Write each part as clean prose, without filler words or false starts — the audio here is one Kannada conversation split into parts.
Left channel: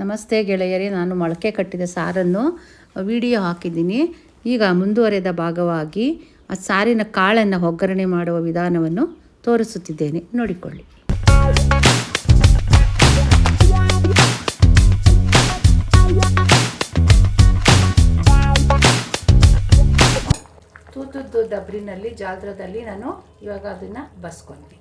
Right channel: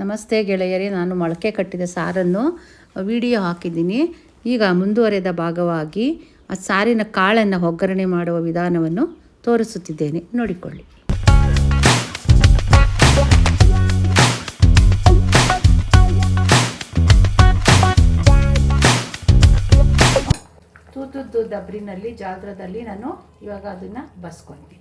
ನಮಸ್ತೆ ಗೆಳೆಯರೇ, ನಾನು ಮೊಳಕೆ ಕಟ್ಟಿದ ಸಾರನ್ನು ವಿಡಿಯೋ ಹಾಕಿದ್ದೀನಿ. ಈಗ ಮುಂದುವರೆದ ಭಾಗವಾಗಿ ಆ ಸಾರಿನ ಕಾಳನ್ನು ಒಗ್ಗರಣೆ ಮಾಡುವ ವಿಧಾನವನ್ನು ತೋರಿಸುತ್ತಿದ್ದೇನೆ, ನೋಡಿಕೊಳ್ಳಿ. ತೂತದ್ದು ದಬ್ರಿನಲ್ಲಿ ಜಾಲ್ರದಲ್ಲಿ ನಾನು ಇವಾಗ ಅದನ್ನು ಬಸ್ಕೊತೀನಿ.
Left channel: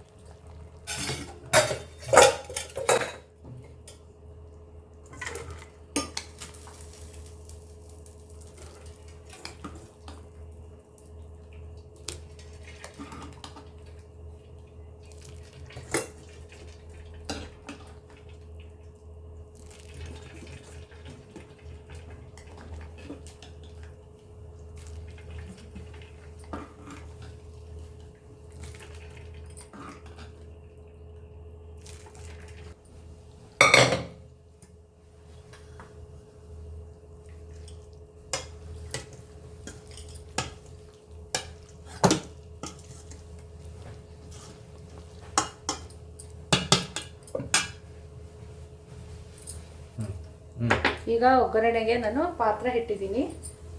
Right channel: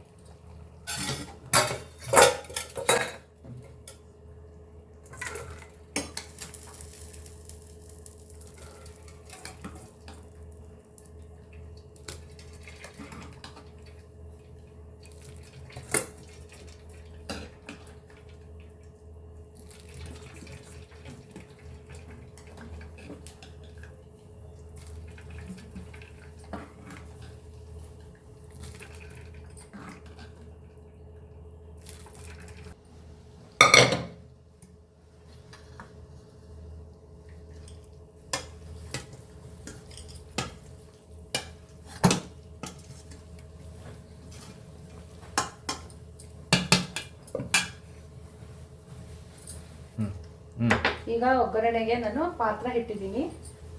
ಈಗ ಒಗ್ಗರಣೆಗೆ ನಾನು ಪಾತ್ರೆ ಇಟ್ಟಿದ್ದೀನಿ.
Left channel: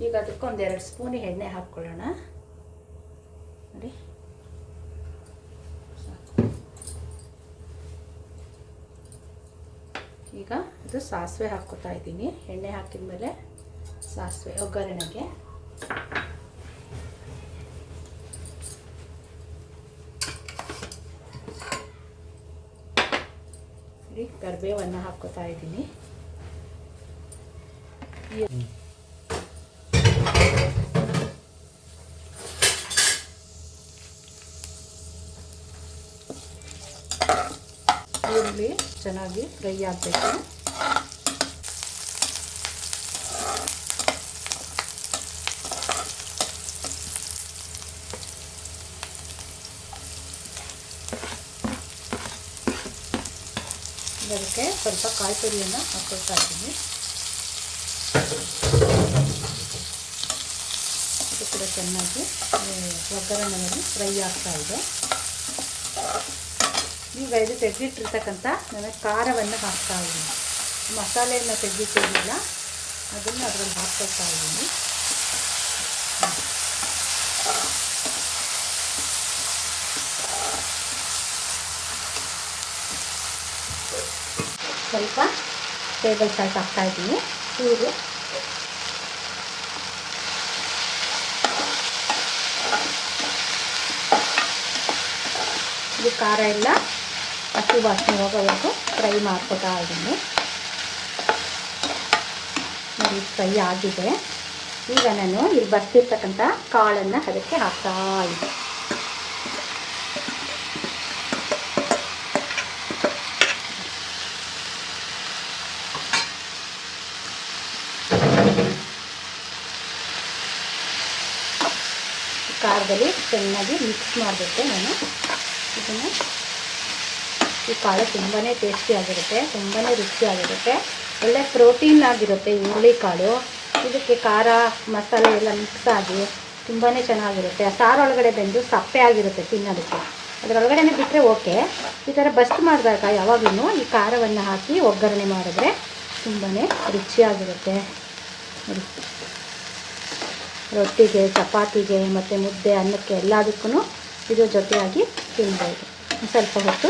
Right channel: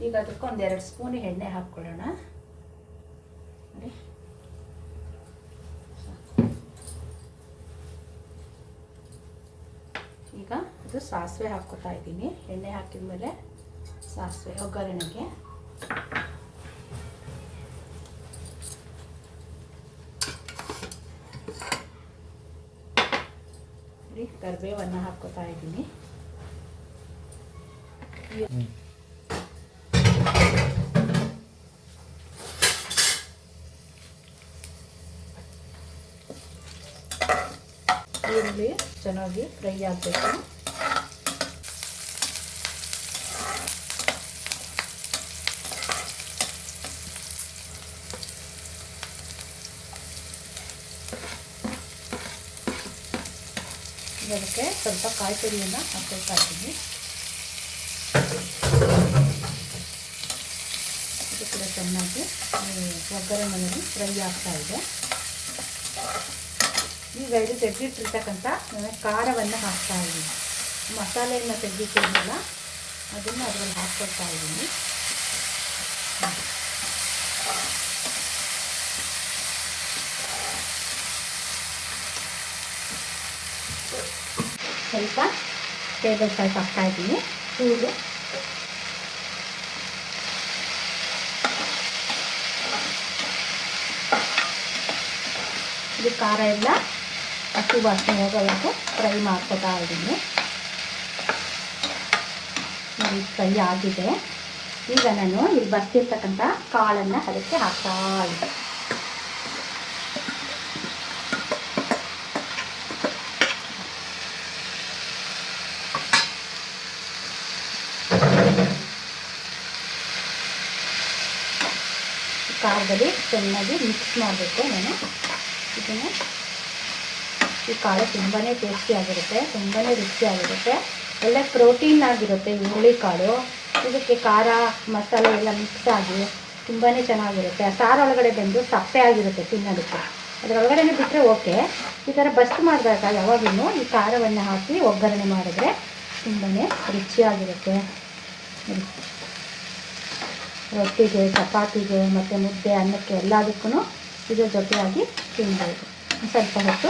ಈಗ ಅದಕ್ಕೆ ಒಂದು 2 ಸ್ಪೂನ್ ಎಣ್ಣೆ ಹಾಕ್ಕೊಳ್ಳೋಣ. ನೋಡಿ, ಈಗ ಅದು ಸಾಸಿವೆ ಹಾಕ್ಕೊತಾ ಇದ್ದೀನಿ. ಎಣ್ಣೆ ಹಾಕಿದ ಮೇಲೆ ಸಾಸಿವೆ ಒಗ್ಗರಣೆಗೆ. ಕರಿಬೇವನ್ನು ಹಾಕ್ಕೊತಾ ಇದ್ದೀನಿ. ಈರುಳ್ಳಿ ಚೆನ್ನಾಗಿ ಫ್ರೈ ಆಗಬೇಕು. ಇದಕ್ಕೆ ಸ್ವಲ್ಪ ಕಾಯಿ ತುರಿಯನ್ನು ಹಾಕ್ಕೊಳ್ತಾ ಇದ್ದೀನಿ. ಇದು ಕೂಡ ಚೆನ್ನಾಗಿ ಒಗ್ಗರಣೆಯಲ್ಲಿ ಫ್ರೈ ಆಗ್ತಾ ಇದೆ. ಈಗ ಇದು ತೆಗೆದಿಟ್ಟಿರ್ತಕ್ಕಂಥ ನಾನು ಖಾರವನ್ನು ಹಾಕ್ತಾ ಇದ್ದೀನಿ. ಮಸಾಲೆಯನ್ನು ತೆಗೆದಿಟ್ಟಿರಲಿಲ್ಲ, ಅದನ್ನು ಅದರಲ್ಲಿ ಹಾಕ್ಕೊಳ್ತಾ ಇದ್ದೀನಿ. ಸ್ವಲ್ಪ ಟೇಬಲ್ ಸಾಲ್ಟ್ ಹಾಕ್ತಾ ಇದ್ದೀನಿ. ಇದು ಖಾರ ಎಲ್ಲ ಹಸಿ ವಾಸನೆ ಹೋಗೋವರೆಗೂ ಫ್ರೈ ಮಾಡ್ಕೊತಾ ಇದ್ದೀನಿ. ನೋಡಿ, ಫ್ರೈ ಆಗಿದೆ. ಈಗ ನಾನು ಇಲ್ಲಿ ಬರ್ತಿರ್ತಕ್ಕಂಥ ಕಾಳನ್ನು ಅದಕ್ಕೆ ಹಾಕ್ತಾ ಇದ್ದೀನಿ. ಖಾರದಲ್ಲಿ ಚೆನ್ನಾಗಿ ಮಿಕ್ಸ್ ಮಾಡಬೇಕು. ನಾನು ಇದನ್ನು ಈ ಕಾಳು ತುಂಬಾ ಟೇಸ್ಟಿಯಾಗಿರುತ್ತೆ, ತುಂಬಾ ರುಚಿಯಾಗಿರುತ್ತೆ. ಒಳ್ಳೆ ಪ್ರೋಟೀನ್ ಆಗಿರುತ್ತೆ ಈ ಹುರುಳಿಕಾಳು. ಇದಕ್ಕೆ ಖಾರ ಮಸಾಲೆ ಎಲ್ಲ ಮಿಕ್ಸ್ ಆಗಿ ತುಂಬಾ ಚೆನ್ನಾಗಿರುತ್ತೆ. ಆ ಸಾರೊಳಗಡೆ ಬೆಂದು ಸಪ್ಪೆ ಆಗಿರುತ್ತೆ ತಿನ್ನೋದಕ್ಕೆ. ಅದರೊಳಗಡೆ ಬಿಟ್ಟರೆ ಓಕೆ. ಈ ಥರ ಬಸ್ಟ್ ಮಾಡಿದಾಗ ಯಾವಾಗಲೂ ಈ ಖಾರವನ್ನು ಹಾಕಿ ಒಗ್ಗರಣೆ ಮಾಡಿದ್ರೆ ತುಂಬಾ ರುಚಿಯಾಗಿರುತ್ತೆ. ರೊಟ್ಟಿಗೆ, ಚಪಾತಿಗೆ ಮತ್ತು ಮುದ್ದೆ, ಅನ್ನಕ್ಕೆ ಎಲ್ಲದಕ್ಕೂ ಇದ್ರ ಜೊತೆಯಾಗಿ ತಿನ್ಬೋದು. ಸ್ವಲ್ಪ ಹೊತ್ತು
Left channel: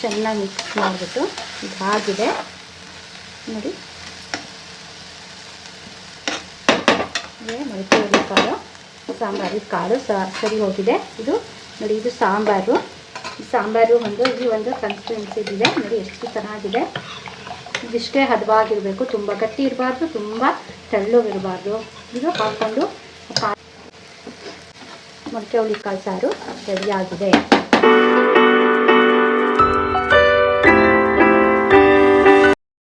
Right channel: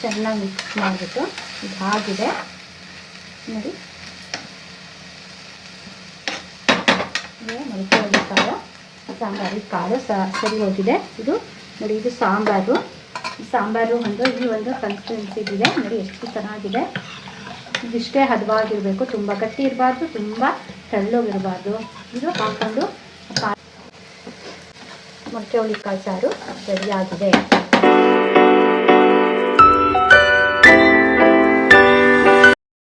ಚೆನ್ನಾಗಿ ಮಿಕ್ಸ್ ಮಾಡಿಬಿಟ್ಟು ಇದು ಆಗಿದೆ ನೋಡಿ. ಮೊಳಕೆ ಕಾಳು ಸಾಂಬಾರು ಕಾಳು ಸರಿ ಹೋಗಿದೆ. ಇದು ನೋಡಿ, ಇದು ಸಾಂಬಾರು. ಈ ಸಾಂಬಾರು ಈ ಒಂದು ಕನ್ಸಿಸ್ಟೆನ್ಸಿ ಇದೆ ನೋಡಿ, ಎಷ್ಟು ಚೆನ್ನಾಗಿದೆ. ಇದಿಷ್ಟೇ ಹದವಾಗಿರಬೇಕು, ತುಂಬ ಗಟ್ಟಿ ಇರಬಾರ್ದು, ತುಂಬ ತೆಳ್ಳಗಿರಬಾರ್ದು. ಇದು ಹಾಕ್ಕೊಂಡು ಮೊಳಕೆ ಹುರುಳಿಕಾಳು ಸಾರು ರೆಡಿಯಾಗಿದೆ.